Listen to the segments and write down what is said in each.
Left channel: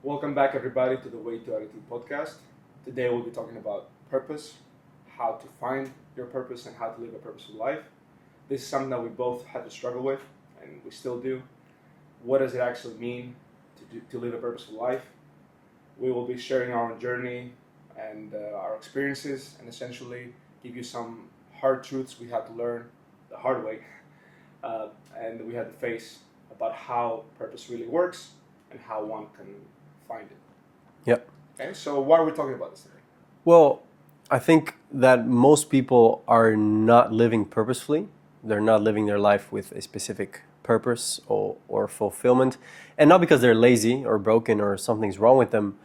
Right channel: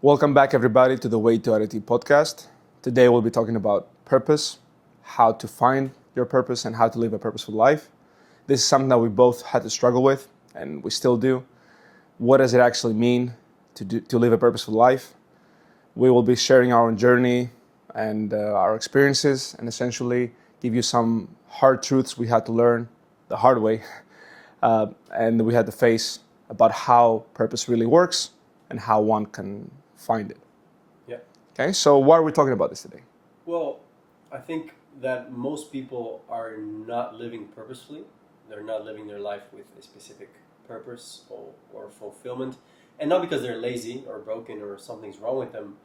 Welcome back, everybody, to the To Arete Podcast. Today, we'll be talking about purpose, how to find your purpose, and how to live a purposeful life. This is something that we both had to struggle with, and we still do. What does it actually mean to live a purposeful life? We will be sharing our own journey and our experiences, and essentially give you some hard truths we had to learn the hard way, and we had to face about how purpose really works and how one can find it. Yeah. Okay, so why are we talking about this today? Well, I think that most people are not living purposefully. They're not living their life with a specific purpose or fulfillment. And not because they're lazy or broken or something's wrong with them,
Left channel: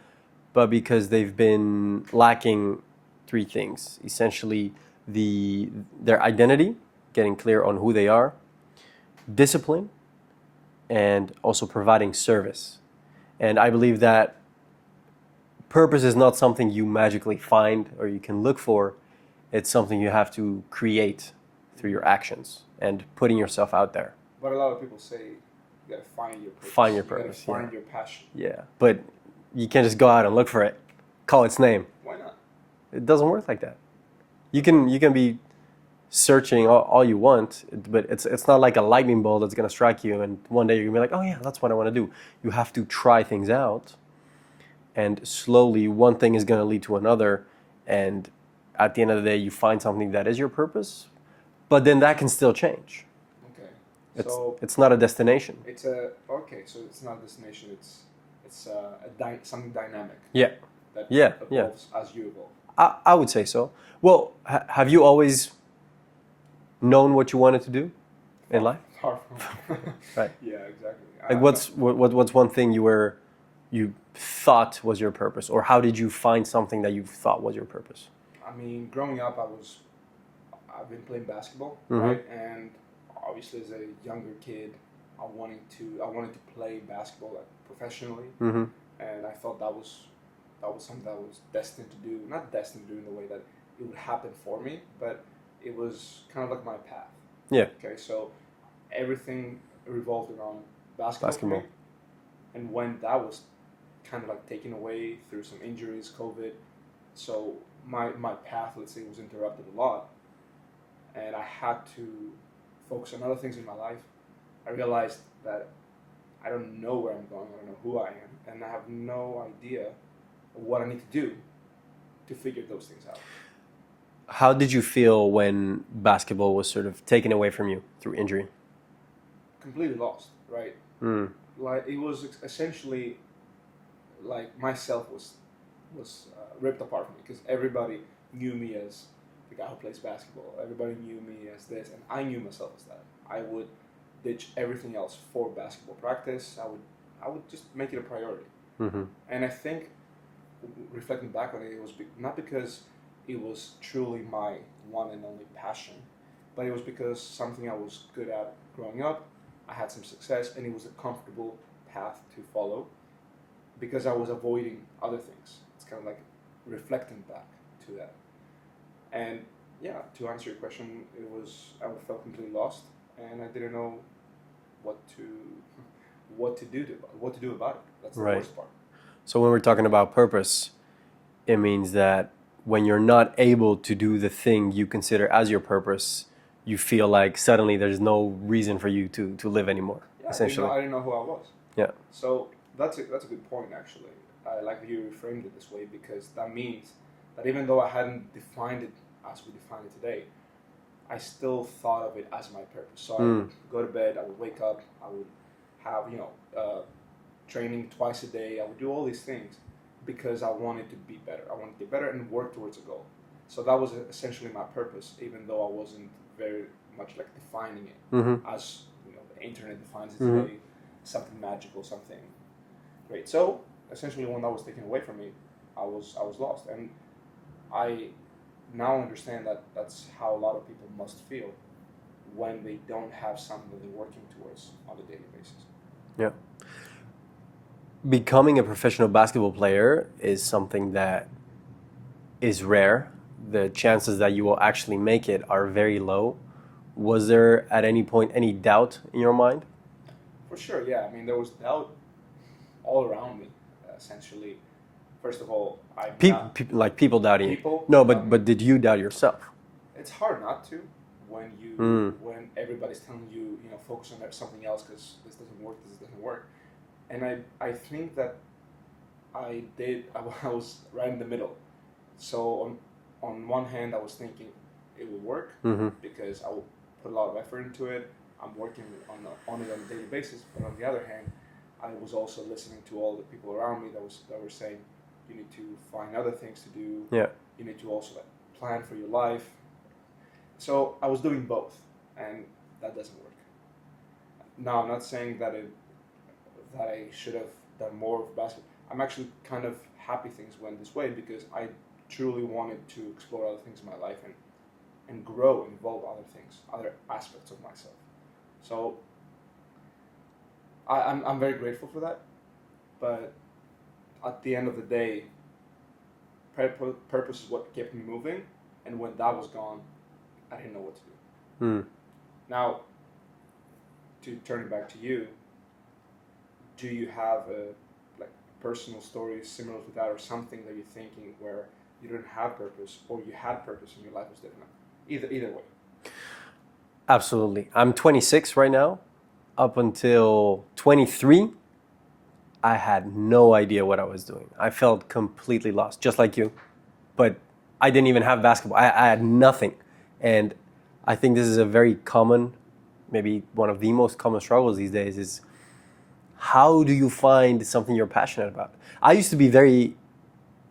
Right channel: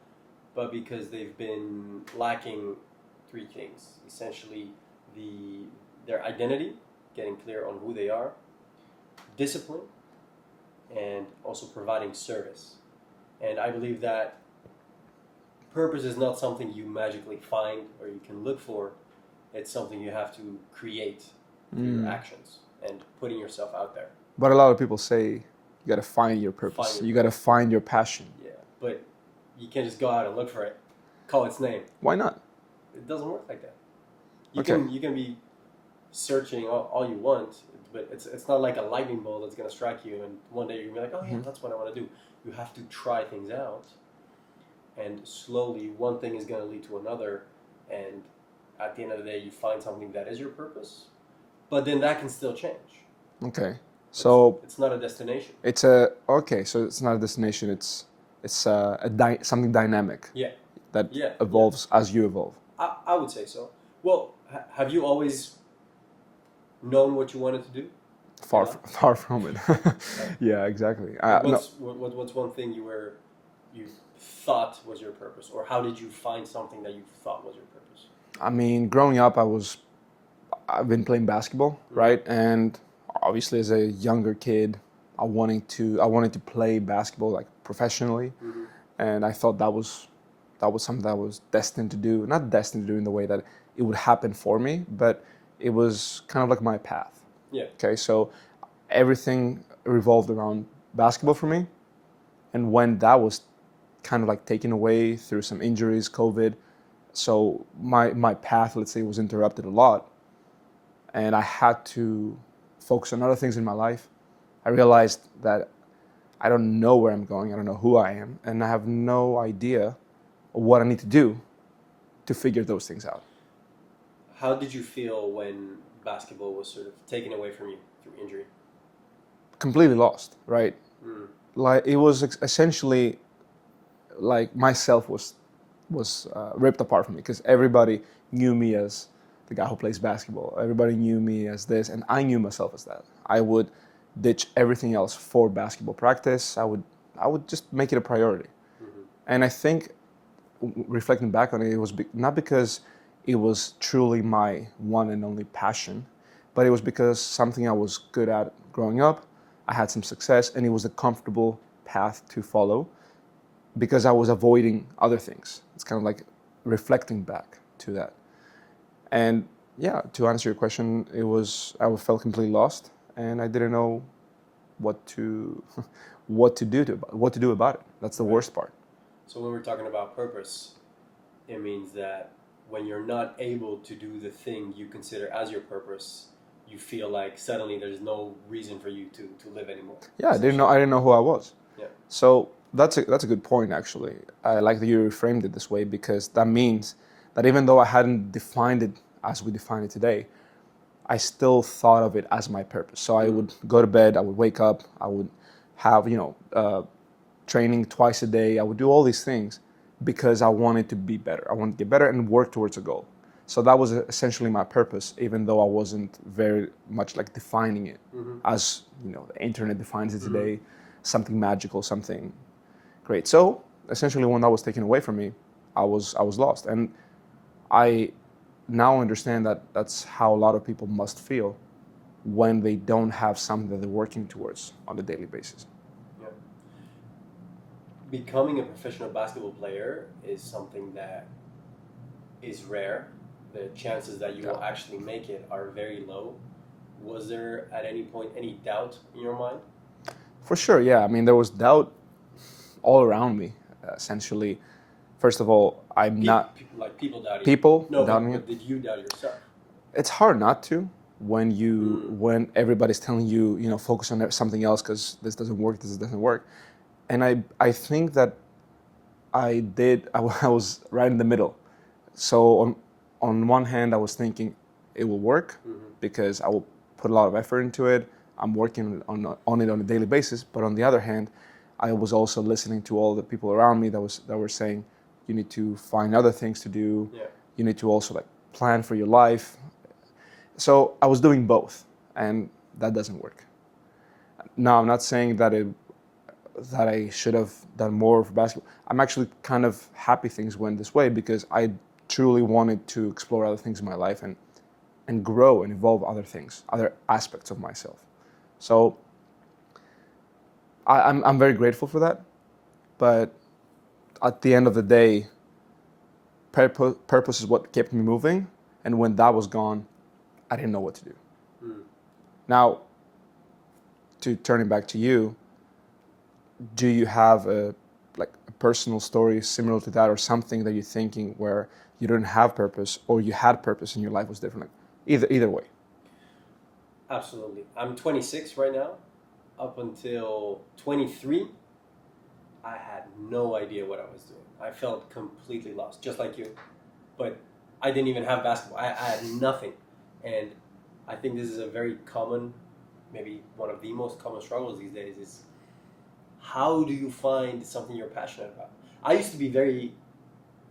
but because they've been lacking three things. Essentially, their identity, getting clear on who they are, discipline, and also providing service. And I believe that purpose is not something you magically find or you can look for. It's something you have to create through your actions and putting yourself out there. But a lot of people say you got to find your purpose. You got to find your passion. Yeah, but you can't just go out and look for it, call its name. Why not? It doesn't work like that. You can be searching all you want, but it's not like a lightning bolt that's going to strike you and one day you're going to be like, oh yeah, that's what I want to do. You have to try things out, and slowly one thing is going to lead to another, and at the end of the day you find something that is your purpose, but then that can still change. Okay. So it's not a destination. So it's not a destination, it's something dynamic. Yeah. That evolves as you evolve. I would say so. Well, have you always known what you wanted to do in life? Far from it. Right. Yeah, exactly. Like what's one thing you thought was your purpose, or how did you find something that you thought was your purpose? I mean, growing up, I've been playing basketball, right? And obviously, as a younger kid, I wanted to play basketball like professionally, and I thought that was something that I was destined to do. Not destined to do in the way that it would happen for me, but it was kind of like my path. Yeah. Okay, so everything revolved around basketball for me. And when that was kind of like taken away through some injuries, COVID, so my path, let's say, was interrupted a lot. And I had to focus on other things in my life. I realized that I don't know where I'm going, I don't know who I am, and I have no idea what I need to do to figure those things out. How did you feel when basketball was sort of taken away from you through injury? Completely lost, right? Like it was essentially like myself was ripped apart from me, because everybody knew me as the guy who plays basketball. Everybody knew me as this, and I knew myself as that. I would ditch everything else for basketball practice. I would just make it a priority. And I think, reflecting back on it, it was not because it was truly my one and only passion, but it was because something I was good at growing up. I had some success, and it was a comfortable path to follow because I was avoiding other things. It's kind of like reflecting back to that. And yeah, to answer your question, I felt completely lost, and I didn't know what to do about it. That's the worst part. So when we're talking about purpose, it means that when you're not able to do the thing you consider as your purpose, you feel like suddenly there's no reason for you to live anymore. Yeah, I didn't know who I was. Yeah. So that's a good point, actually. I like that you reframed it this way, because that means that even though I hadn't defined it as we define it today, I still thought of it as my purpose. So I would go to bed, I would wake up, I would have training twice a day. I would do all these things because I wanted to be better. I wanted to get better and work towards a goal. So that was essentially my purpose, even though I wasn't very much like defining it as the internet defines it today, something magical, something great. So essentially, when that was taken away from me, I was lost, and I now understand that that's how a lot of people must feel when they don't have something that they're working towards on a daily basis. Yeah. Becoming a professional basketball player is something that is rare. The chances that you will actually make it are very low. Was there at any point any doubt in your mind? For sure, yeah. I mean, there was doubt all around me. essentially, first of all, I'm not like people doubting you. people. No, doubting but did you doubt yourself? it's hard not to when everybody's telling you, focus on something else because this doesn't work. And I think that I was right in the middle. So on one hand, I was thinking it will work because I will put a lot of effort into it. I'm working on it on a daily basis. But on the other hand, I was also listening to all the people around me that were saying, you need to find other things to do. Yeah. You need to also like plan for your life. So I was doing both, and that doesn't work. Now, I'm not saying that I should have done more for basketball. I'm actually kind of happy things went this way because I truly wanted to explore other things in my life and grow and evolve other things, other aspects of myself. So I'm very grateful for that. But at the end of the day, purpose is what kept me moving. And when that was gone, I didn't know what to do. Now, to turn it back to you, do you have a personal story similar to that, or something that you're thinking where you didn't have purpose or you had purpose and your life was different? Either way. Absolutely. I'm 26 right now. Up until 23, I had no idea what I was doing. I felt completely lost, just like you. But I didn't even have basketball. I had nothing. And I think this is a very common, maybe one of the most common struggles these days is how do you find something you're passionate about? I used to be very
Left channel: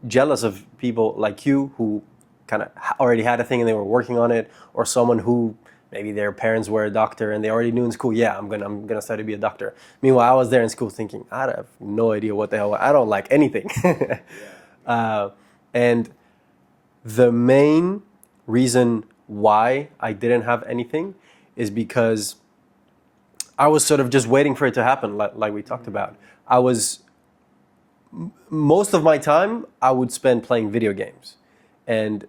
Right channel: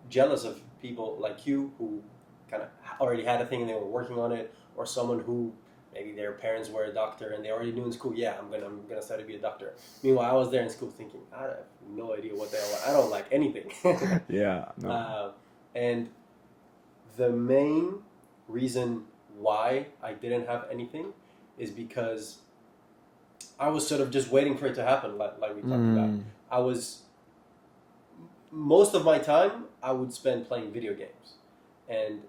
jealous of people like you who kind of already had a thing and they were working on it, or someone who maybe their parents were a doctor and they already knew in school, yeah, I'm gonna study to be a doctor. Meanwhile, I was there in school thinking, I have no idea what the hell, I don't like anything. Yeah. No. And the main reason why I didn't have anything is because I was sort of just waiting for it to happen, like we talked about. Most of my time I would spend playing video games, and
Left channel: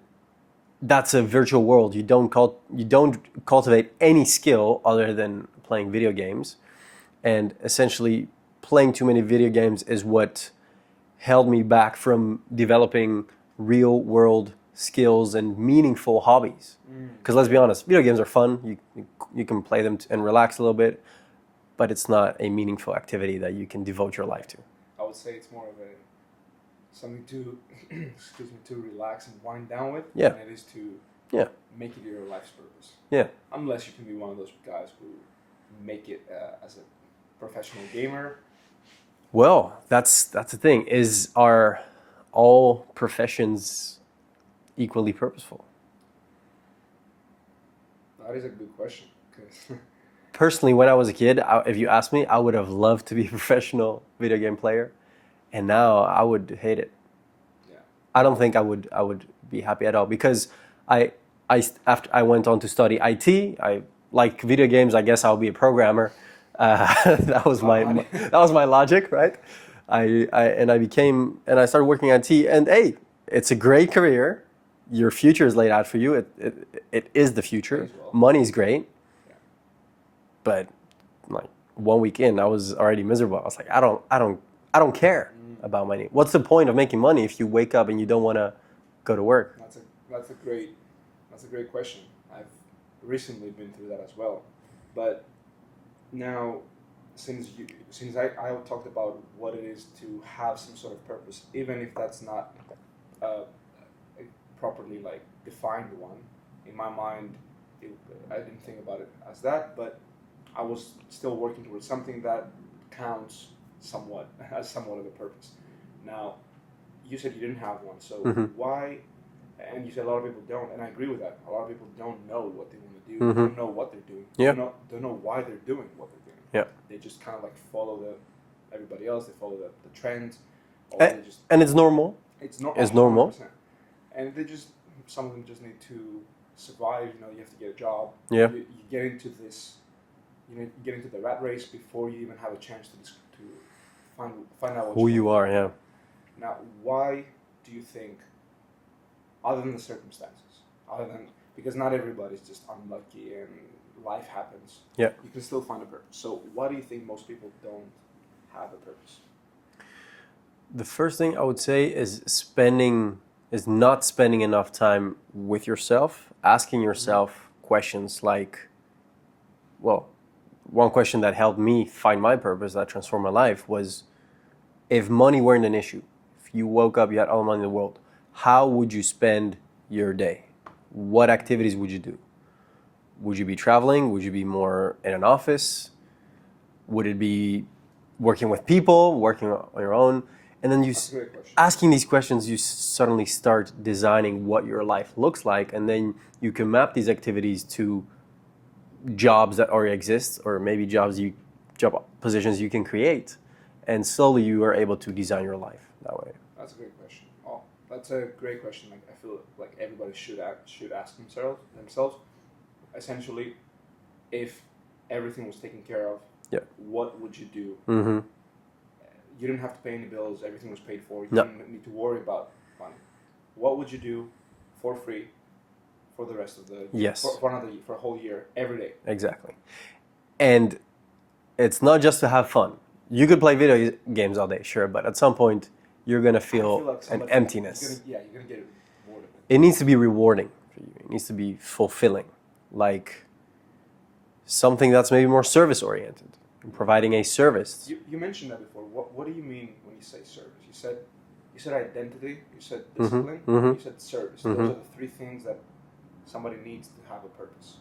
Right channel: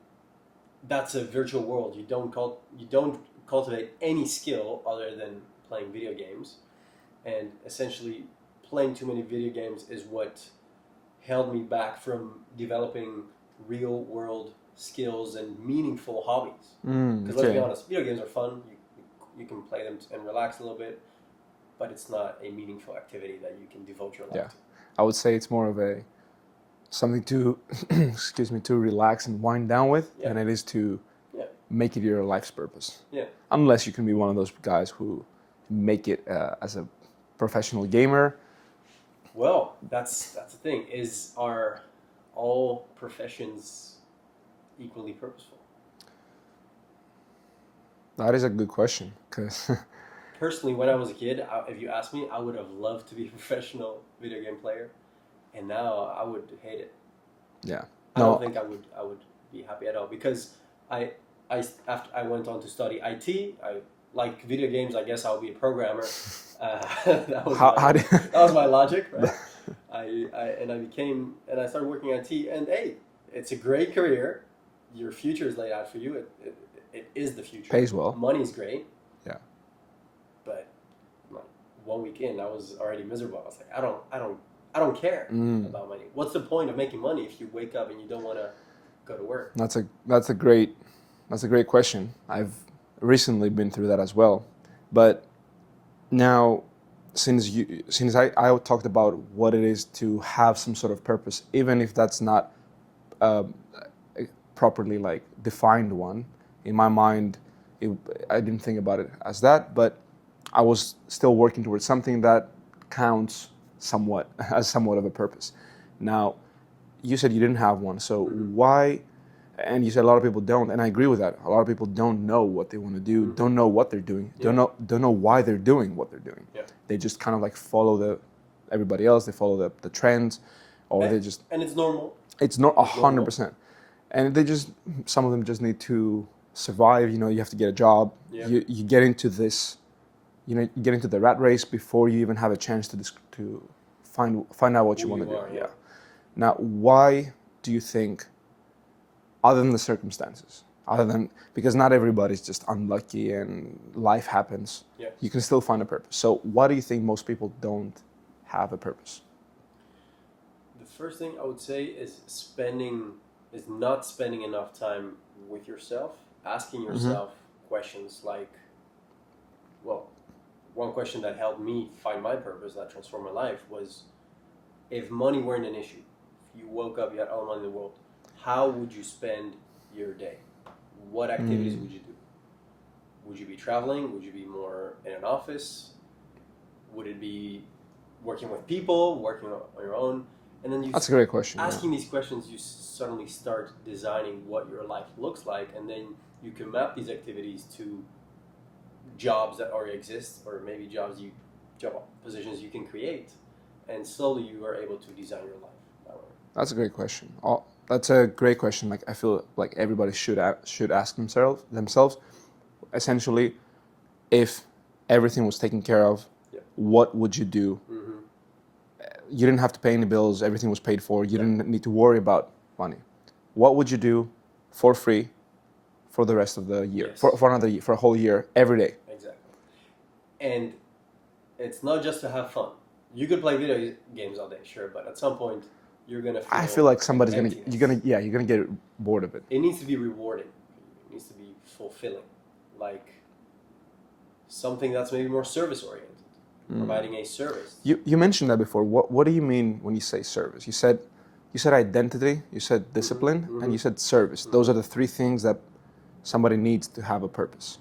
that's a virtual world. You don't cultivate any skill other than playing video games, and essentially playing too many video games is what held me back from developing real world skills and meaningful hobbies. Because let's be honest, video games are fun. You can play them and relax a little bit, but it's not a meaningful activity that you can devote your life to. I would say it's more of something to to relax and wind down with than it is to make it your life's purpose. Yeah. Unless you can be one of those guys who make it as a professional gamer. Well, that's the thing. Are all professions equally purposeful? That is a good question. Because personally, when I was a kid, if you asked me, I would have loved to be a professional video game player, and now I would hate it. Yeah, I don't think I would be happy at all because after I went on to study IT, I like video games. I guess I'll be a programmer. That was my logic, right? I started working IT, and hey, it's a great career. Your future is laid out for you. It is the future. Pays well. Money's great. Yeah. But like 1 week in, I was already miserable. I was like, I don't care about money. What's the point of making money if you wake up and you don't want to go to work? That's a great question. I've recently been through that as well. But now, since I talked about what it is to have some sort of purpose, even if that's not properly like defined one, in my mind, I didn't think about it as that, but I was still working towards something that counts somewhat of a purpose. Now, you said you didn't have one, so why? And you said a lot of people don't, and I agree with that. A lot of people don't know what they want to do, don't know what they're doing, don't know why they're doing what they're doing. Yeah. They just kind of like follow everybody else. They follow the trends, or they just. And it's normal. It's not 100%. And some of them just need to survive. You have to get a job. Yeah. You get into this. You get into the rat race before you even have a chance to find out what who you are. Yeah. Now, why do you think, other than the circumstances, because not everybody's just unlucky and life happens, you can still find a purpose. So why do you think most people don't have a purpose? The first thing I would say is not spending enough time with yourself, asking yourself questions like, well, one question that helped me find my purpose, that transformed my life, was if money weren't an issue, if you woke up, you had all the money in the world, how would you spend your day? What activities would you do? Would you be traveling? Would you be more in an office? Would it be working with people, working on your own? And then That's a great question. asking these questions, you suddenly start designing what your life looks like, and then you can map these activities to jobs that already exist, or maybe job positions you can create, and slowly you are able to design your life that way. That's a great question. That's a great question. Like, I feel like everybody should ask themselves. Essentially, if everything was taken care of, what would you do? You didn't have to pay any bills. Everything was paid for. You didn't need to worry about money. What would you do for free for the rest of the year? Yes. For another year, for a whole year, every day. Exactly. And it's not just to have fun. You could play video games all day, sure, but at some point you're gonna feel I feel like somebody's emptiness. You're gonna get bored of it. It needs to be rewarding for you. It needs to be fulfilling, like something that's maybe more service oriented, providing a service. You mentioned that before. What do you mean when you say service? You said identity, you said discipline, and you said service. Those are the three things that somebody needs to have a purpose.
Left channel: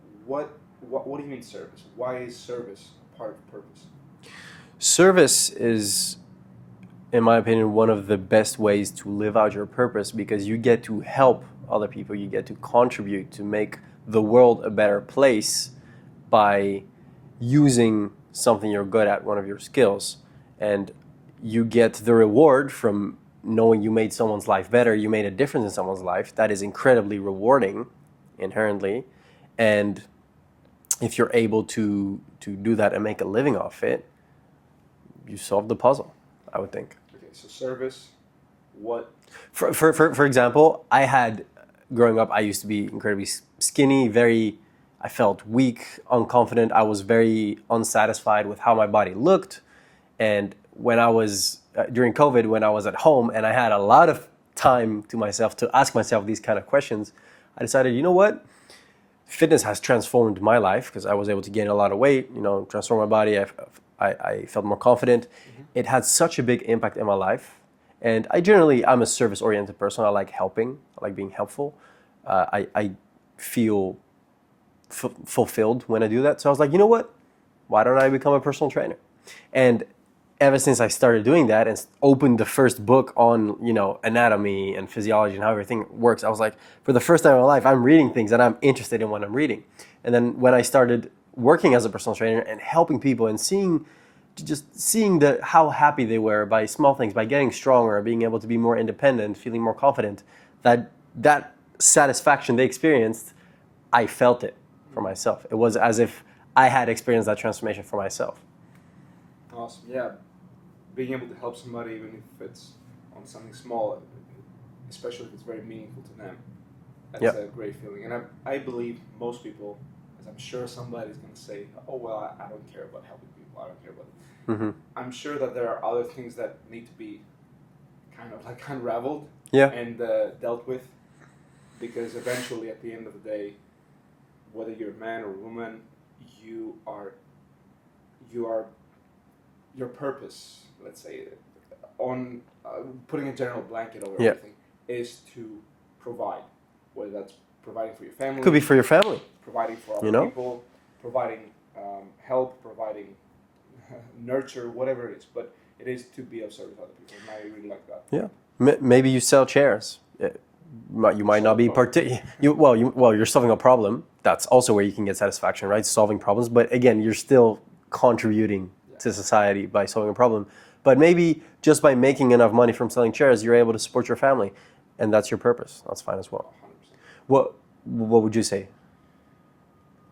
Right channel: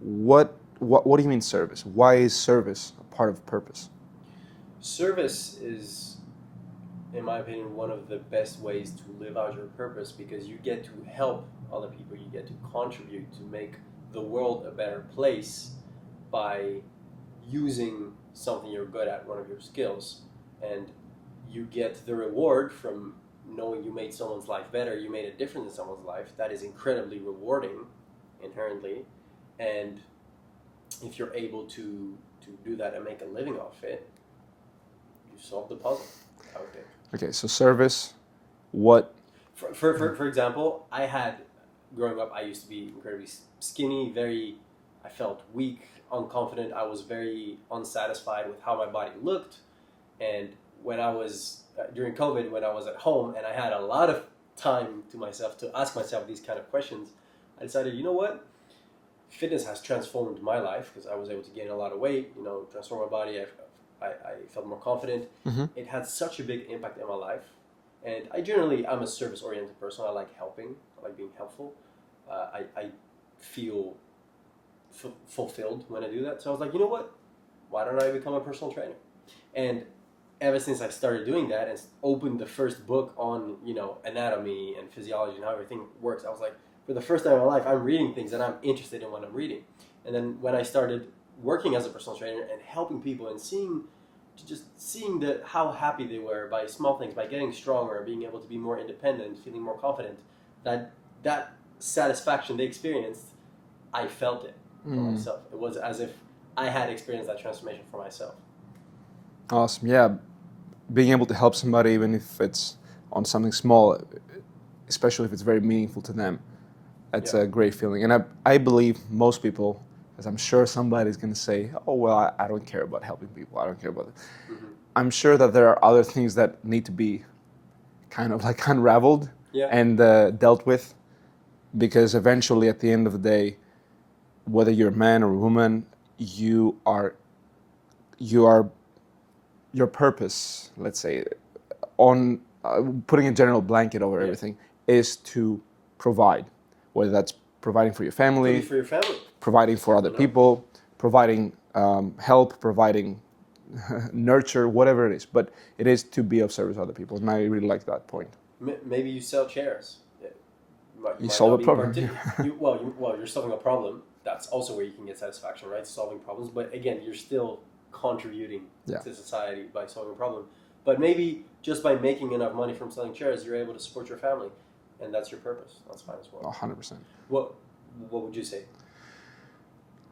What do you mean service? Why is service a part of purpose? Service is, in my opinion, one of the best ways to live out your purpose, because you get to help other people, you get to contribute to make the world a better place by using something you're good at, one of your skills, and you get the reward from knowing you made someone's life better, you made a difference in someone's life. That is incredibly rewarding inherently, and if you're able to do that and make a living off it, you solve the puzzle, I would think. Okay, so service, what? For example, growing up, I used to be incredibly skinny, I felt weak, unconfident. I was very unsatisfied with how my body looked. And when I was, during COVID, when I was at home and I had a lot of time to myself to ask myself these kind of questions, I decided, you know what? Fitness has transformed my life because I was able to gain a lot of weight, transform my body. I felt more confident. It had such a big impact in my life. And I'm a service-oriented person. I like helping. I like being helpful. I feel fulfilled when I do that. So I was like, you know what? Why don't I become a personal trainer? And ever since I started doing that and opened the first book on, anatomy and physiology and how everything works, I was like, for the first time in my life, I'm reading things and I'm interested in what I'm reading. And then when I started working as a personal trainer and helping people and seeing how happy they were by small things, by getting stronger, being able to be more independent, feeling more confident, that satisfaction they experienced, I felt it for myself. It was as if I had experienced that transformation for myself. Awesome. Yeah, being able to help somebody, even if it's on something small, especially if it's very meaningful to them, that's a great feeling. And I believe most people, as I'm sure somebody's going to say, oh, well, I don't care about helping people. I don't care about it. I'm sure that there are other things that need to be kind of like unraveled and dealt with, because eventually at the end of the day, whether you're a man or a woman, your purpose, let's say, on putting a general blanket over everything, is to provide, whether that's providing for your family. Could be for your family. Providing for other people, providing help, providing nurture, whatever it is. But it is to be of service to other people, and I really like that point. Yeah. Maybe you sell chairs. You might not be you're solving a problem. That's also where you can get satisfaction, right? Solving problems. But again, you're still contributing to society by solving a problem. But maybe just by making enough money from selling chairs, you're able to support your family, and that's your purpose. That's fine as well. 100%. What would you say?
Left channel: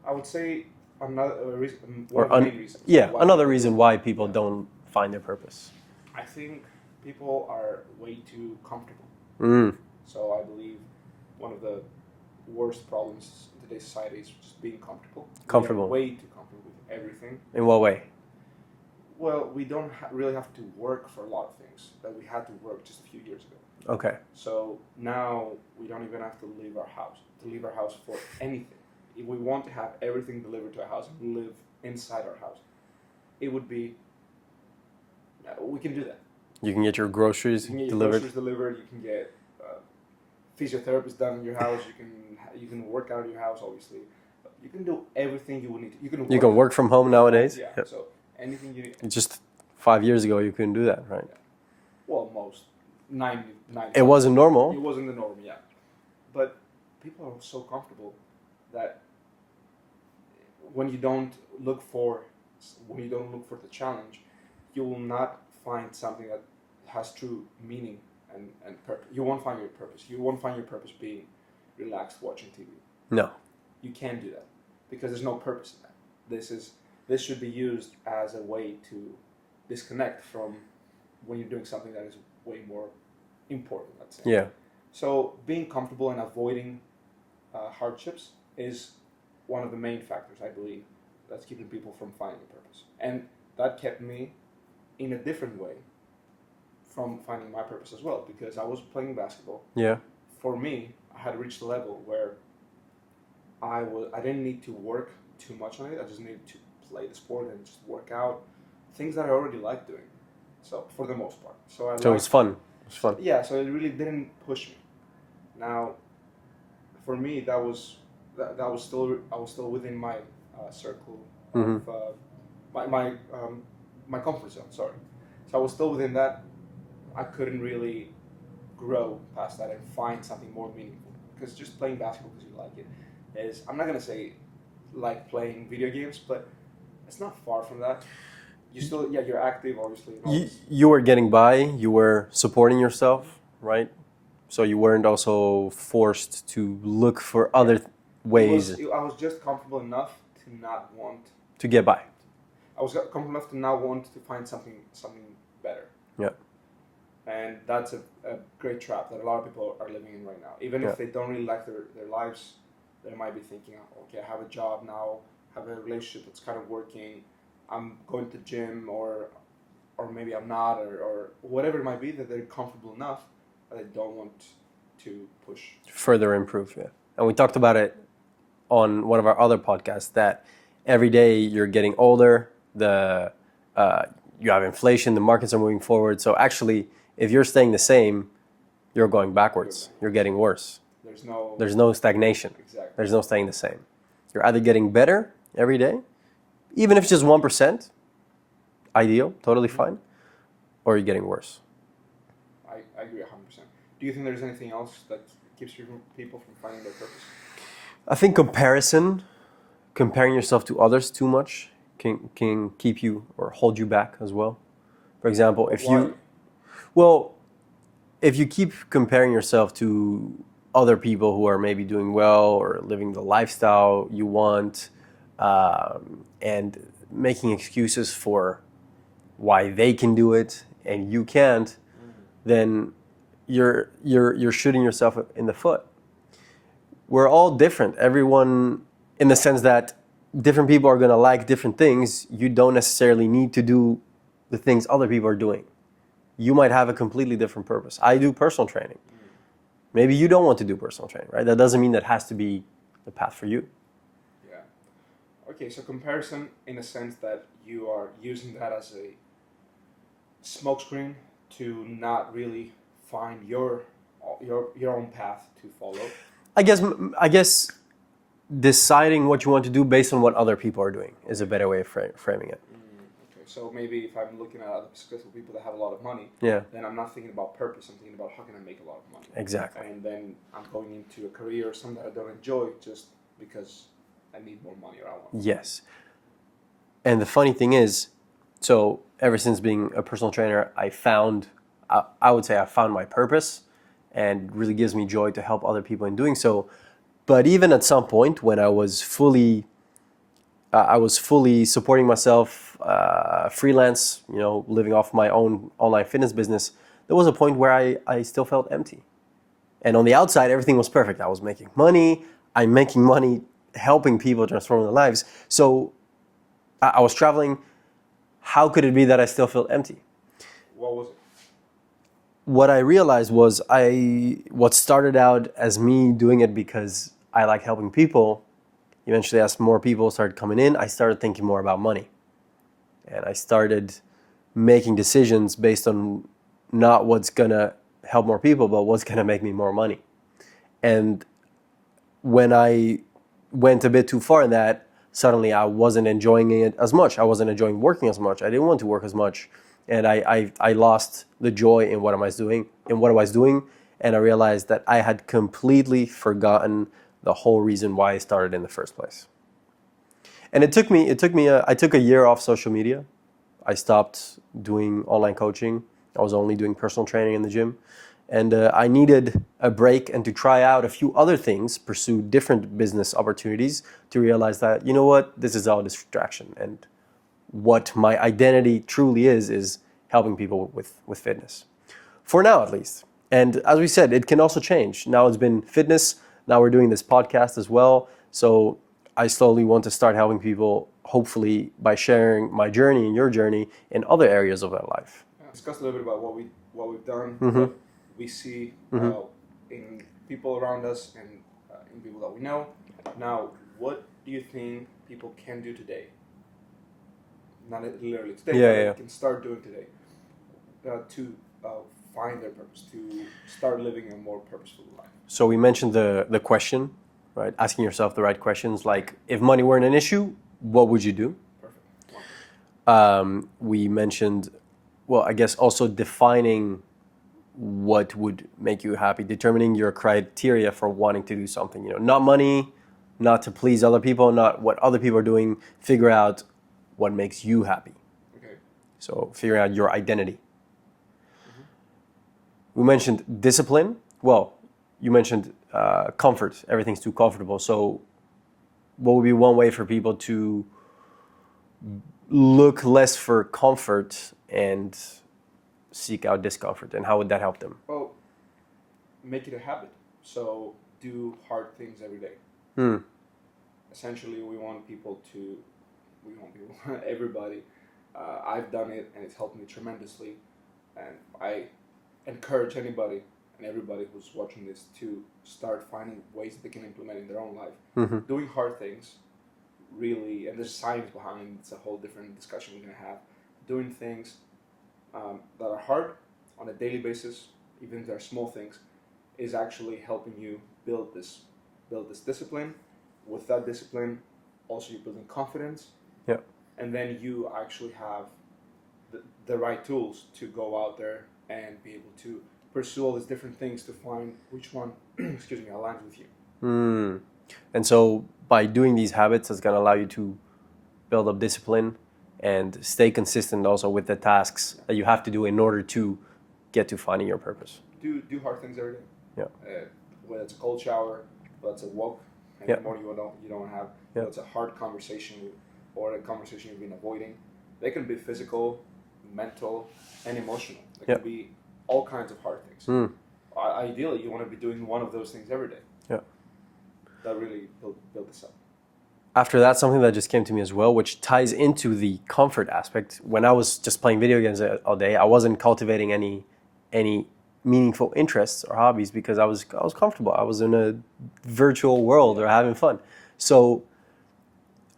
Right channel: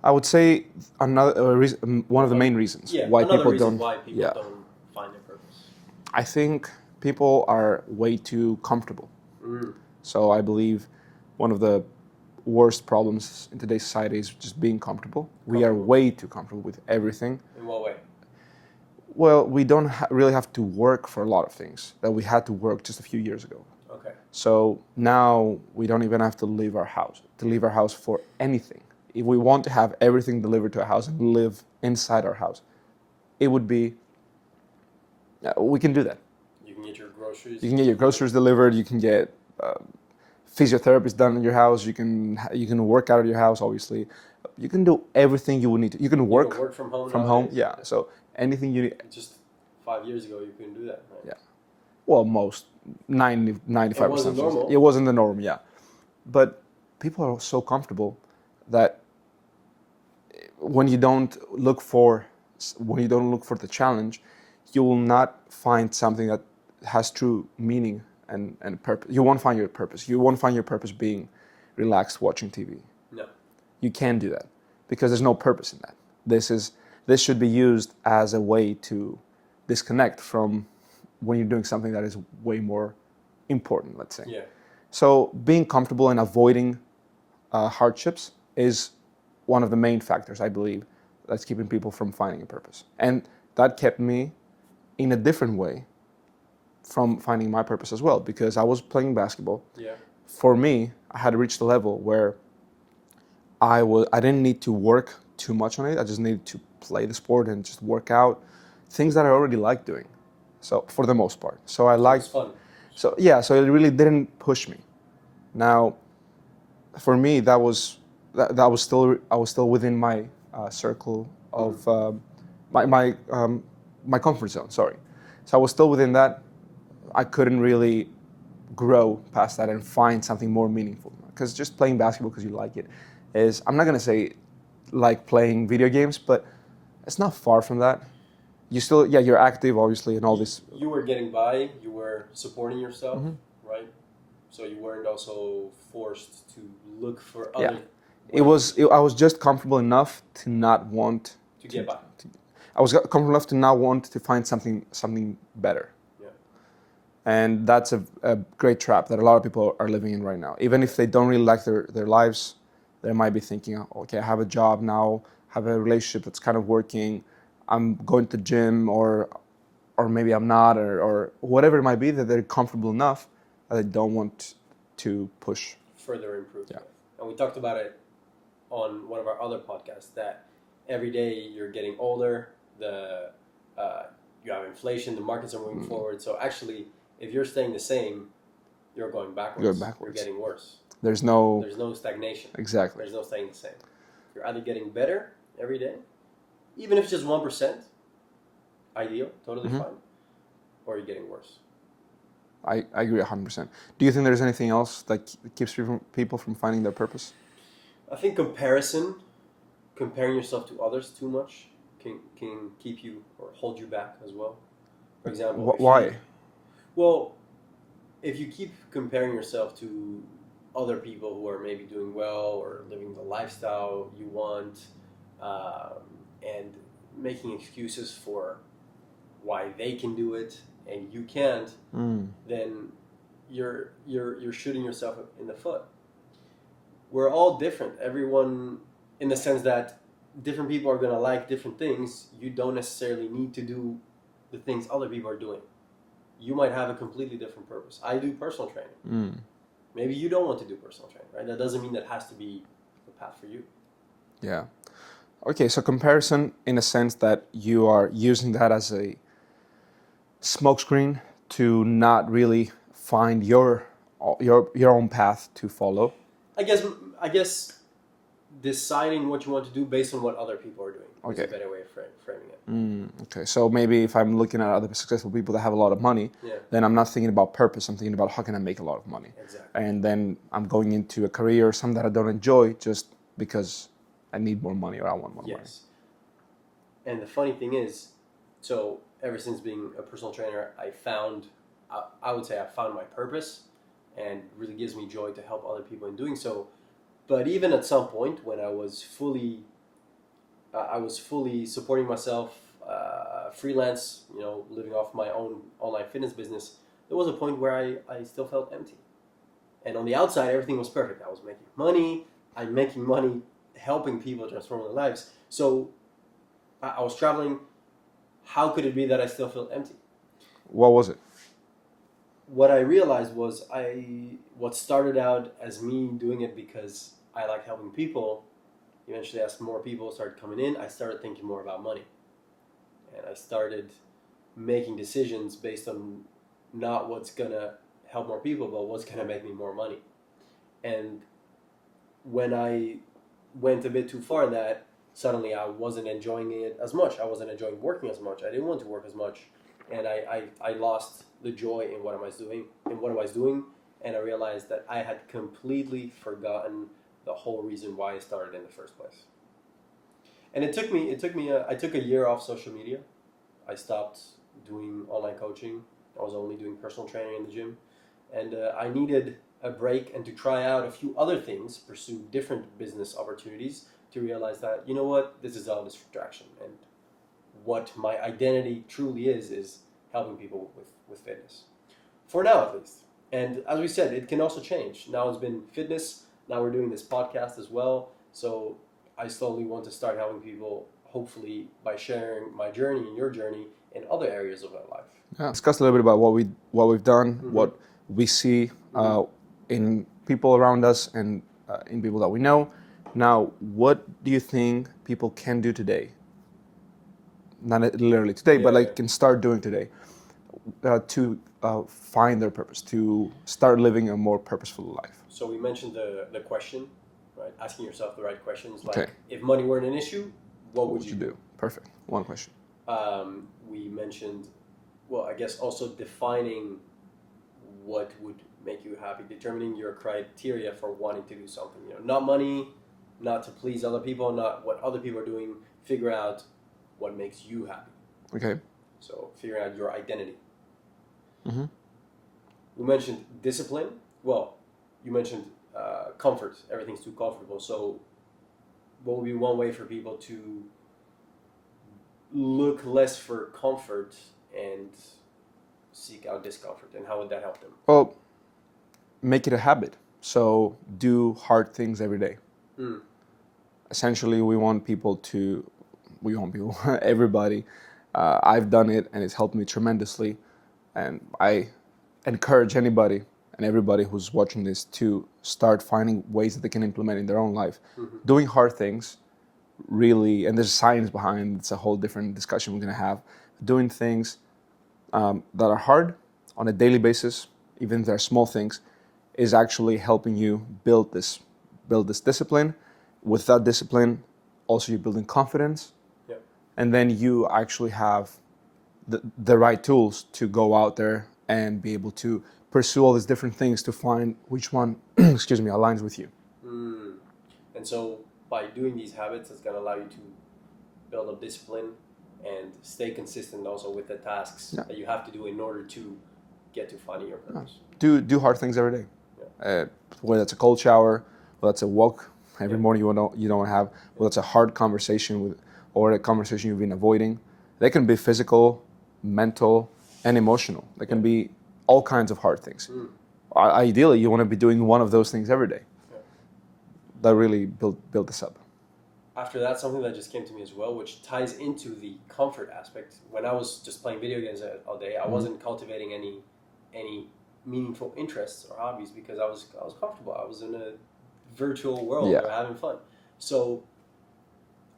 I would say another reason, one of the main reasons. Yeah, another reason why people don't find their purpose. I think people are way too comfortable. So I believe one of the worst problems in today's society is just being comfortable. We are way too comfortable with everything. In what way? Well, we don't really have to work for a lot of things that we had to work just a few years ago. Okay. So now we don't even have to leave our house for anything. If we want to have everything delivered to our house and live inside our house, it would be, we can do that. You can get your groceries. You can get your groceries delivered. You can get physiotherapist done in your house. You can work out of your house, obviously. You can do everything you would need to. You can work from home nowadays. Yeah. So anything you need. Just 5 years ago, you couldn't do that, right? Yeah. Well, most 95%. It wasn't normal. It wasn't the norm, yeah. But people are so comfortable that when you don't look for the challenge, you will not find something that has true meaning and purpose. You won't find your purpose. You won't find your purpose being relaxed watching TV. No. You can't do that because there's no purpose in that. This should be used as a way to disconnect from when you're doing something that is way more important, let's say. Yeah. So being comfortable and avoiding hardships is one of the main factors, I believe, that's keeping people from finding a purpose. And that kept me in a different way from finding my purpose as well, because I was playing basketball. Yeah. For me, I had reached a level where I didn't need to work too much on it. I just needed to play the sport and just work out things that I already liked doing. So for the most part, so it was fun. So yeah, so it really didn't push me. Now, for me, I was still within my circle of my comfort zone. Sorry, so I was still within that. I couldn't really grow past that and find something more meaningful, because just playing basketball because you like it is, I'm not gonna say like playing video games, but it's not far from that. You still, yeah, you're active, obviously, and all this. You were getting by. You were supporting yourself, right? So you weren't also forced to look for other ways. I was just comfortable enough to not want to get by. I was comfortable enough to not want to find something better. Yeah. And that's a great trap that a lot of people are living in right now. Even if they don't really like their lives, they might be thinking, oh, okay, I have a job now, have a relationship that's kind of working, I'm going to the gym, or maybe I'm not, or whatever it might be, that they're comfortable enough that they don't want to push. Further improve. Yeah. And we talked about it on one of our other podcasts, that every day you're getting older, you have inflation, the markets are moving forward. So actually, if you're staying the same, you're going backwards. You're getting worse. There's no stagnation. Exactly. There's no staying the same. You're either getting better every day, even if it's just 1%, ideal, totally fine, or you're getting worse. I agree 100%. Do you think there's anything else that keeps people from finding their purpose? I think comparing yourself to others too much can keep you or hold you back as well. For example, if you keep comparing yourself to other people who are maybe doing well or living the lifestyle you want, and making excuses for why they can do it and you can't, then you're shooting yourself in the foot. We're all different. Everyone, in the sense that different people are going to like different things. You don't necessarily need to do the things other people are doing. You might have a completely different purpose. I do personal training. Maybe you don't want to do personal training, right? That doesn't mean that has to be the path for you. Yeah. Okay, so comparison in a sense that you are using that as a smokescreen to not really find your own path to follow. I guess deciding what you want to do based on what other people are doing is a better way of framing it. Okay, so maybe if I'm looking at other successful people that have a lot of money, then I'm not thinking about purpose. I'm thinking about how can I make a lot of money. Exactly. And then I'm going into a career or something that I don't enjoy just because I need more money or I want more money. Yes. And the funny thing is, so ever since being a personal trainer, I would say I found my purpose, and it really gives me joy to help other people in doing so. But even at some point when I was fully supporting myself, freelance, living off my own online fitness business, there was a point where I still felt empty. And on the outside, everything was perfect. I was making money. I'm making money helping people transform their lives. So I was traveling how could it be that I still feel empty? What was it? What I realized was what started out as me doing it because I like helping people, eventually as more people started coming in, I started thinking more about money. And I started making decisions based on not what's gonna help more people, but what's gonna make me more money. And when I went a bit too far in that, suddenly I wasn't enjoying it as much. I wasn't enjoying working as much. I didn't want to work as much. And I lost the joy in what I was doing, and I realized that I had completely forgotten the whole reason why I started in the first place. And I took a year off social media. I stopped doing online coaching. I was only doing personal training in the gym. And I needed a break and to try out a few other things, pursue different business opportunities to realize that, you know what, this is all distraction. And what my identity truly is helping people with fitness. For now, at least. And as we said, it can also change. Now it's been fitness. Now we're doing this podcast as well. So I slowly want to start helping people, hopefully by sharing my journey and your journey in other areas of their life. Yeah. Discuss a little bit about what we've done, what we see in people around us and in people that we know. Now, what do you think people can do today? Not literally today, but can start doing today to find their purpose, to start living a more purposeful life. So we mentioned the question, right? Asking yourself the right questions, like if money weren't an issue, what would you do? Perfect. One question. We mentioned, well, I guess also defining what would make you happy, determining your criteria for wanting to do something. You know, not money, not to please other people, not what other people are doing. Figure out what makes you happy. Okay. So figuring out your identity. We mentioned discipline. Well, you mentioned comfort. Everything's too comfortable. So what would be one way for people to look less for comfort and seek out discomfort? And how would that help them? Well, make it a habit. So do hard things every day. Essentially, everybody. I've done it and it's helped me tremendously. And I encourage anybody and everybody who's watching this to start finding ways that they can implement in their own life. Doing hard things, really, and there's science behind it. It's a whole different discussion we're going to have. Doing things that are hard on a daily basis, even if they're small things, is actually helping you build this discipline. With that discipline, also you're building confidence. Yeah. And then you actually have the right tools to go out there and be able to pursue all these different things to find which one, aligns with you. And so by doing these habits, it's going to allow you to build up discipline and stay consistent also with the tasks that you have to do in order to get to finding your purpose. Do hard things every day. Yeah. Whether it's a cold shower, whether it's a walk every morning you don't have, whether it's a hard conversation or a conversation you've been avoiding. They can be physical, mental, and emotional. They can be all kinds of hard things. Ideally, you want to be doing one of those things every day. Yeah. That really build this up. After that, something that just came to me as well, which ties into the comfort aspect. When I was just playing video games all day, I wasn't cultivating any meaningful interests or hobbies because I was comfortable. I was in a virtual world or having fun. So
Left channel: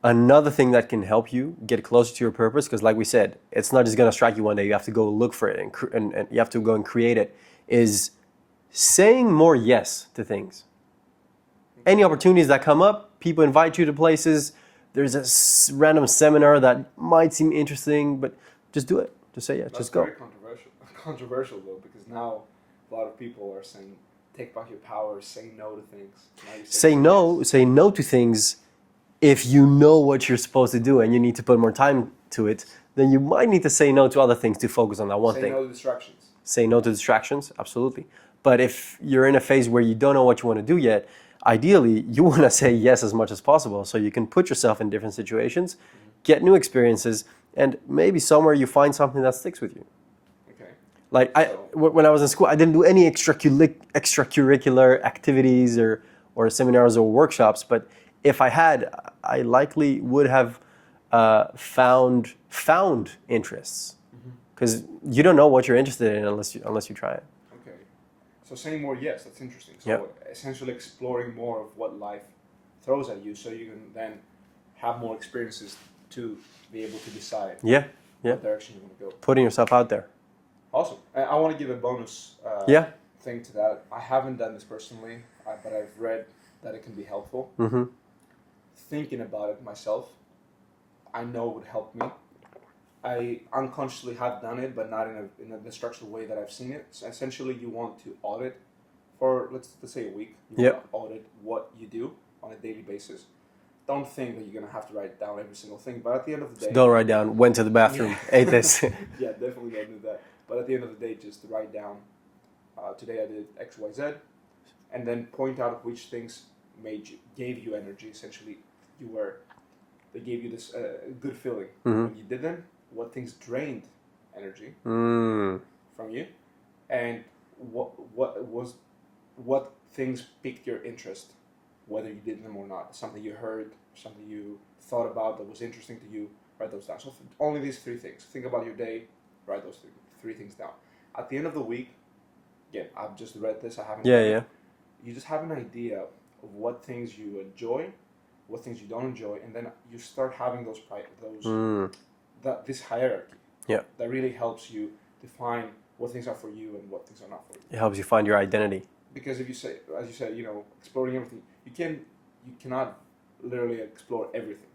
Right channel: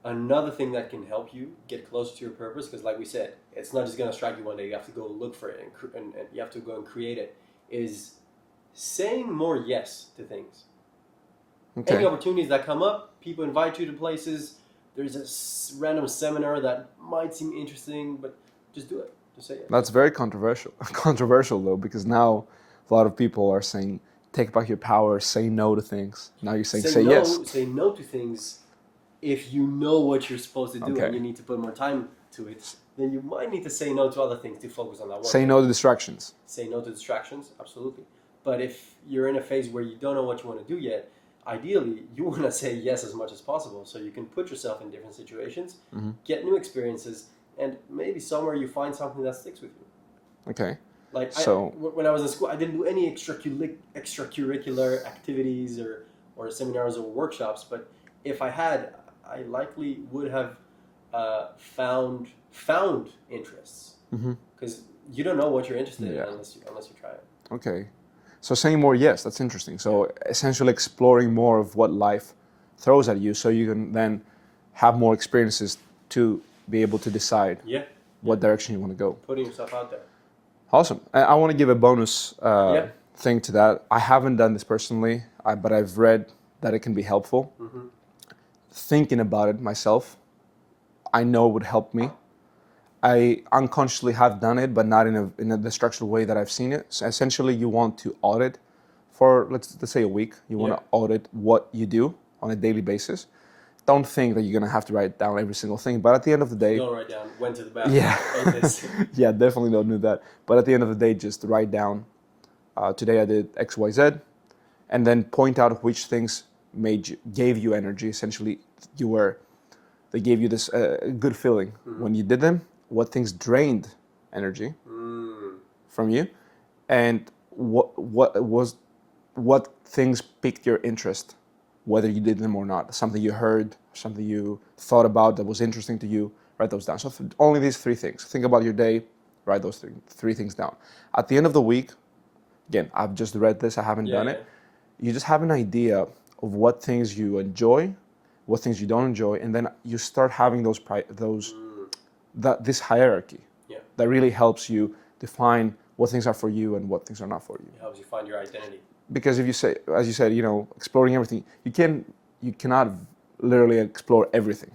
another thing that can help you get closer to your purpose, because like we said, it's not just going to strike you one day. You have to go look for it and you have to go and create it, is saying more yes to things. Okay. Any opportunities that come up, people invite you to places. There's a random seminar that might seem interesting, but just do it. Just say yes. That's very controversial though, because now a lot of people are saying, take back your power, say no to things. Now you're saying say no, yes. Say no to things if you know what you're supposed to do and you need to put more time to it, then you might need to say no to other things to focus on that one thing. Say no to distractions. Say no to distractions, absolutely. But if you're in a phase where you don't know what you want to do yet, ideally, you want to say yes as much as possible so you can put yourself in different situations, get new experiences, and maybe somewhere you find something that sticks with you. Okay. Like when I was in school, I didn't do any extracurricular activities or seminars or workshops, but if I had, I likely would have found interests. Because you don't know what you're interested in unless you try it. Okay. So saying more yes, that's interesting. So essentially exploring more of what life throws at you so you can then have more experiences to be able to decide what direction you want to go. Putting yourself out there. Awesome. I want to give a bonus thing to that. I haven't done this personally, but I've read that it can be helpful. Thinking about it myself, I know it would help me. I unconsciously have done it, but not in a structured way that I've seen it. So essentially, you want to audit for, let's say a week. You want to audit what you do on a daily basis. Don't think that you're going to have to write down every single thing. But at the end of the day... Don't write down, went to the bathroom, ate this. Yeah, definitely don't do that. But at the end of the day, just write down, today I did X, Y, Z, and then point out which things gave you energy. Essentially, they gave you this good feeling when you did them. What things drained energy from you, and what things piqued your interest, whether you did them or not. Something you heard, something you thought about that was interesting to you, write those down. So only these 3 things. Think about your day, write those three things down. At the end of the week, again, I've just read this, I haven't done it. You just have an idea of what things you enjoy, what things you don't enjoy, and then you start having this hierarchy that really helps you define what things are for you and what things are not for you. It helps you find your identity. Because if you say, as you said, exploring everything, you cannot literally explore everything.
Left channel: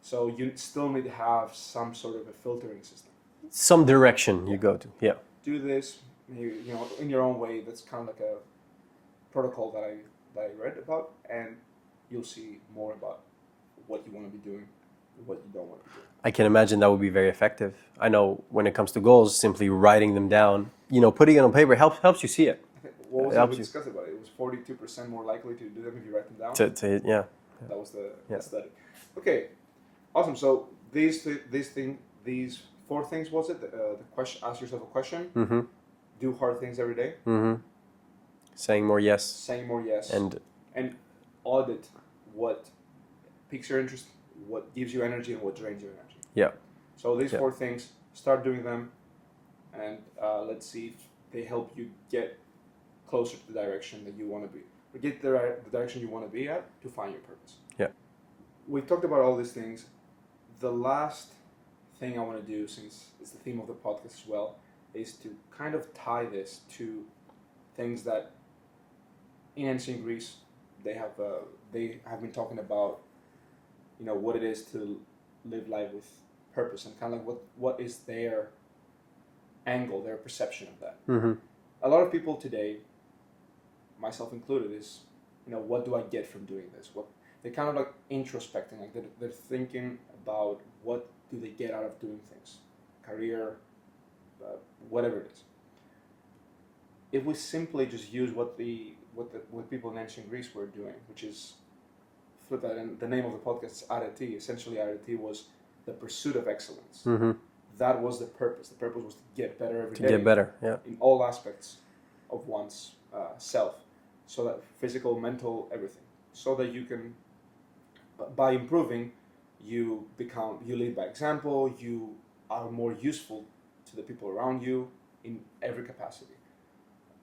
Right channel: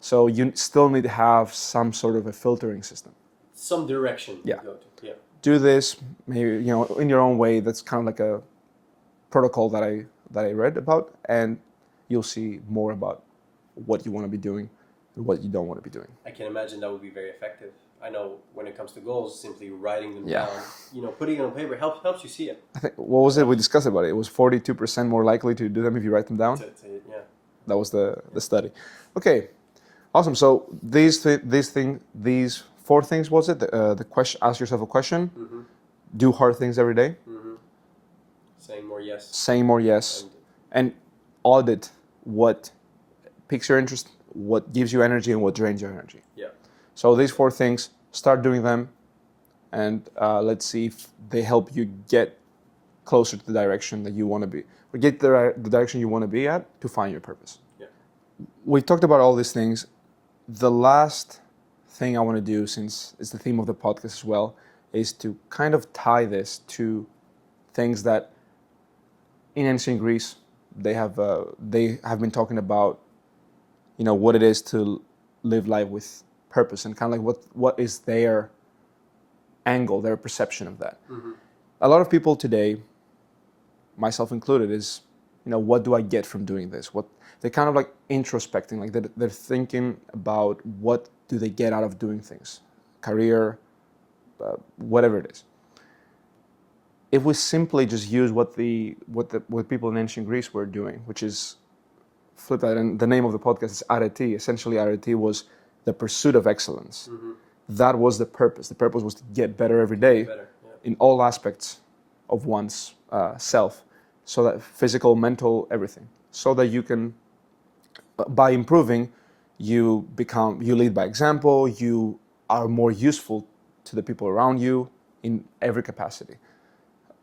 So you still need to have some sort of a filtering system. Some direction you go to. Yeah. Do this, maybe in your own way. That's kind of like a protocol that I read about, and you'll see more about what you want to be doing and what you don't want to be doing. I can imagine that would be very effective. I know when it comes to goals, simply writing them down, putting it on paper helps you see it. I think, what was it we discussed about it? It was 42% more likely to do them if you write them down? That was the study. Okay, awesome. So these 4 things, was it? The question, ask yourself a question, do hard things every day. Saying more yes. Saying more yes. And audit what piques your interest, what gives you energy, and what drains your energy. Yeah. So these 4 things, start doing them, and let's see if they help you get closer to the direction that you want to be, or get the direction you want to be at to find your purpose. Yeah. We've talked about all these things. The last thing I want to do, since it's the theme of the podcast as well, is to kind of tie this to things that in ancient Greece they have been talking about, what it is to live life with purpose, and kind of like what is their angle, their perception of that. A lot of people today, myself included, is what do I get from doing this? What they're kind of like introspecting, like they're thinking about what do they get out of doing things, career, whatever it is. If we simply just use what people in ancient Greece were doing, which is flip that, and the name of the podcast is Arete. Essentially, Arete was the pursuit of excellence. That was the purpose. The purpose was to get better every day. Get better, in all aspects of one's self, so that physical, mental, everything, so that you can, by improving, you lead by example. You are more useful to the people around you in every capacity.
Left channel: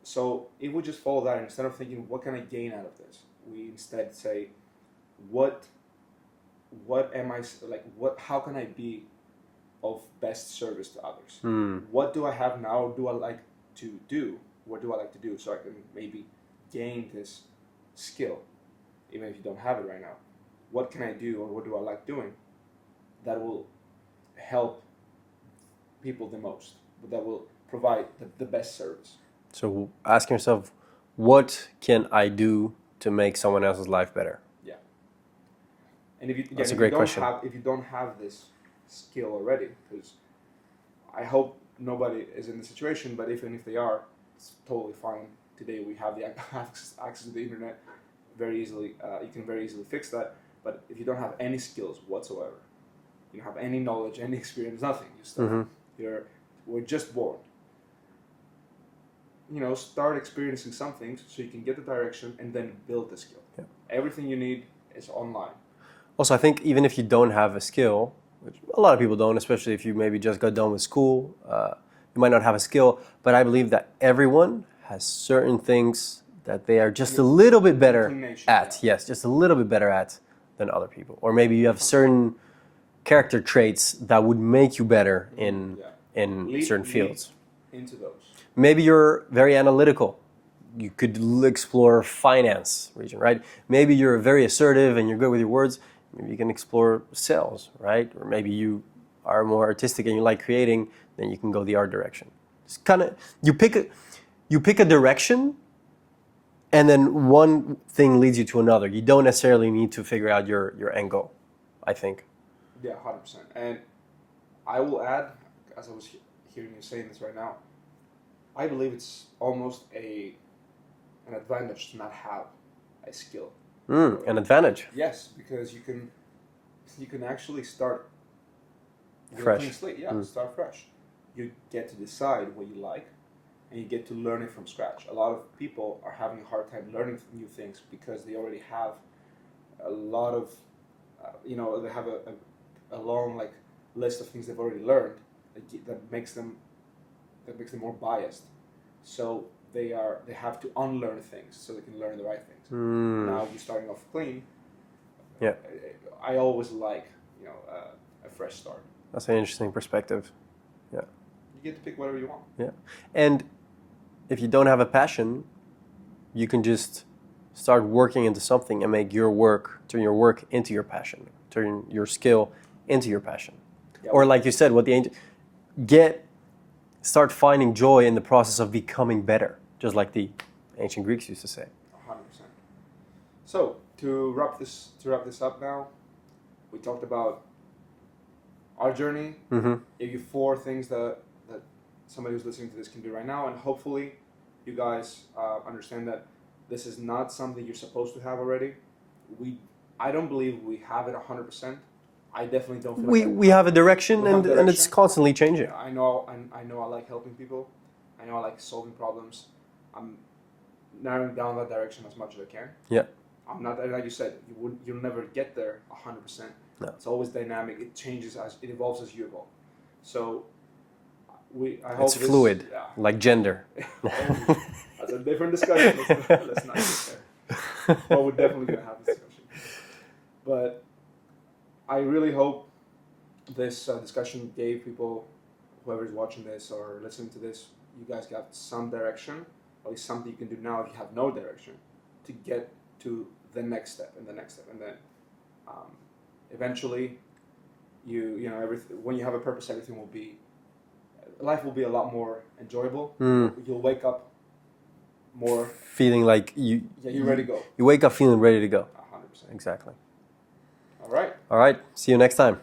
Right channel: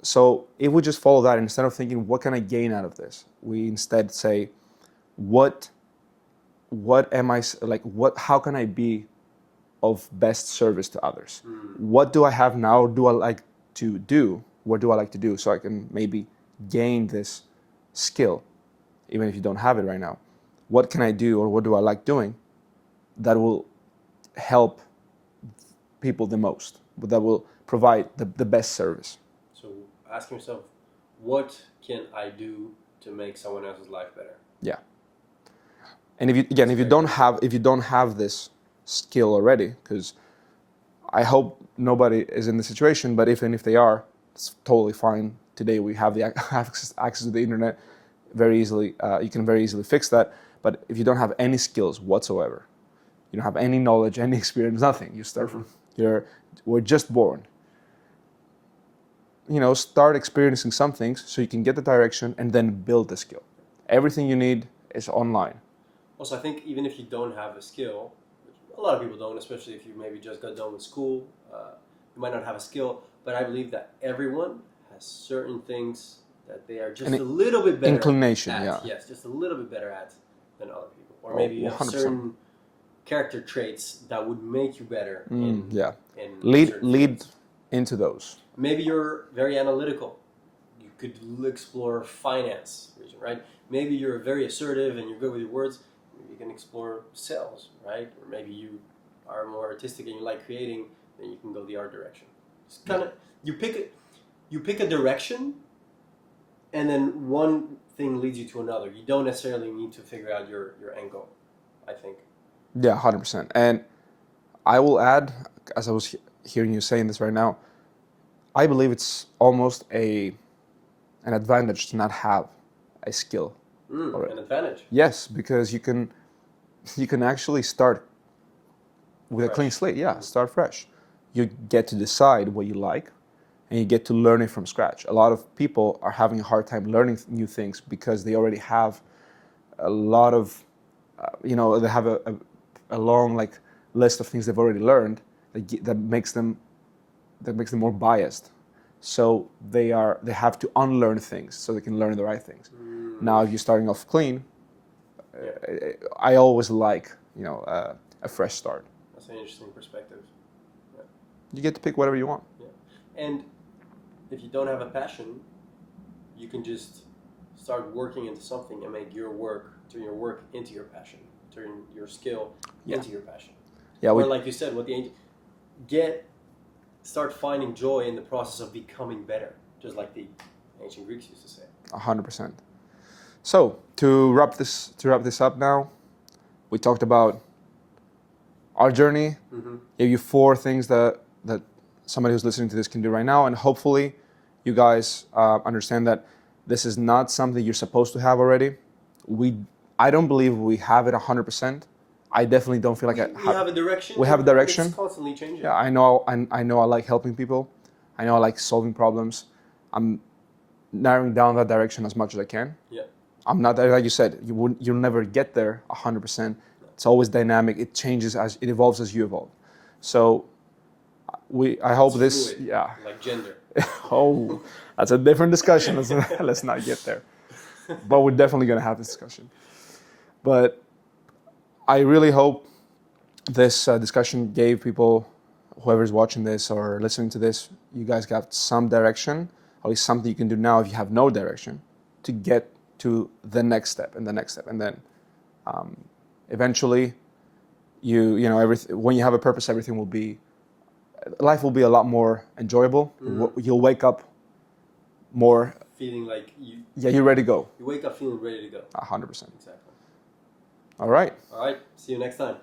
So if we just follow that, instead of thinking, what can I gain out of this? We instead say, what am I, how can I be of best service to others? What do I have now? What do I like to do so I can maybe gain this skill, even if you don't have it right now? What can I do, or what do I like doing that will help people the most, that will provide the best service? So asking yourself, what can I do to make someone else's life better? Yeah. And if you don't have this skill already, because I hope nobody is in the situation, but even if they are, it's totally fine. Today we have the access to the internet very easily. You can very easily fix that. But if you don't have any skills whatsoever, you don't have any knowledge, any experience, nothing. You start. We're just born. Start experiencing some things so you can get the direction and then build the skill. Yeah. Everything you need is online. Also, I think even if you don't have a skill, which a lot of people don't, especially if you maybe just got done with school. You might not have a skill, but I believe that everyone has certain things that they are just a little bit better inclination, at. yeah. Yes, just a little bit better at than other people. Or maybe you have 100%. certain character traits that would make you better in certain fields. Into those. Maybe you're very analytical. You could explore finance region, right? Maybe you're very assertive and you're good with your words. Maybe you can explore sales, right? Or maybe you are more artistic and you like creating, then you can go the art direction. It's kind of you pick a direction, and then one thing leads you to another. You don't necessarily need to figure out your end goal, I think. Yeah, 100%. And I will add, as I was hearing you saying this right now, I believe it's almost an advantage to not have a skill. An advantage. Yes, because you can actually start with Fresh. a clean slate. Yeah, start fresh. You get to decide what you like, and you get to learn it from scratch. A lot of people are having a hard time learning new things because they already have a lot of, they have a long list of things they've already learned that makes them more biased. So they have to unlearn things so they can learn the right things. Now, if you're starting off clean, I always like a fresh start. That's an interesting perspective. Yeah. You get to pick whatever you want. Yeah. And if you don't have a passion, you can just start working into something and turn your work into your passion, turn your skill into your passion. Yeah. Or like you said, start finding joy in the process of becoming better, just like the ancient Greeks used to say. 100%. So to wrap this up now, we talked about our journey. Gave you 4 things that somebody who's listening to this can do right now, and hopefully you guys understand that this is not something you're supposed to have already. I don't believe we have it 100%. I definitely don't feel we have a direction. We have a direction, and it's constantly changing. Yeah, I know I like helping people. I know I like solving problems. I'm narrowing down that direction as much as I can. Yeah. I'm not there, like you said. You'll never get there 100%. No. It's always dynamic. It changes it evolves as you evolve. So I hope it's fluid. Yeah. Like gender. Oh, that's a different discussion. Let's not get there. But we're definitely gonna have this discussion. But I really hope this discussion gave people, whoever's watching this or listening to this, you guys got some direction, at least something you can do now if you have no direction, to get to the next step and the next step. And then eventually, when you have a purpose, life will be a lot more enjoyable. You'll wake up more feeling like you're ready to go. You wake up feeling ready to go. 100%. Exactly. All right. See you next time.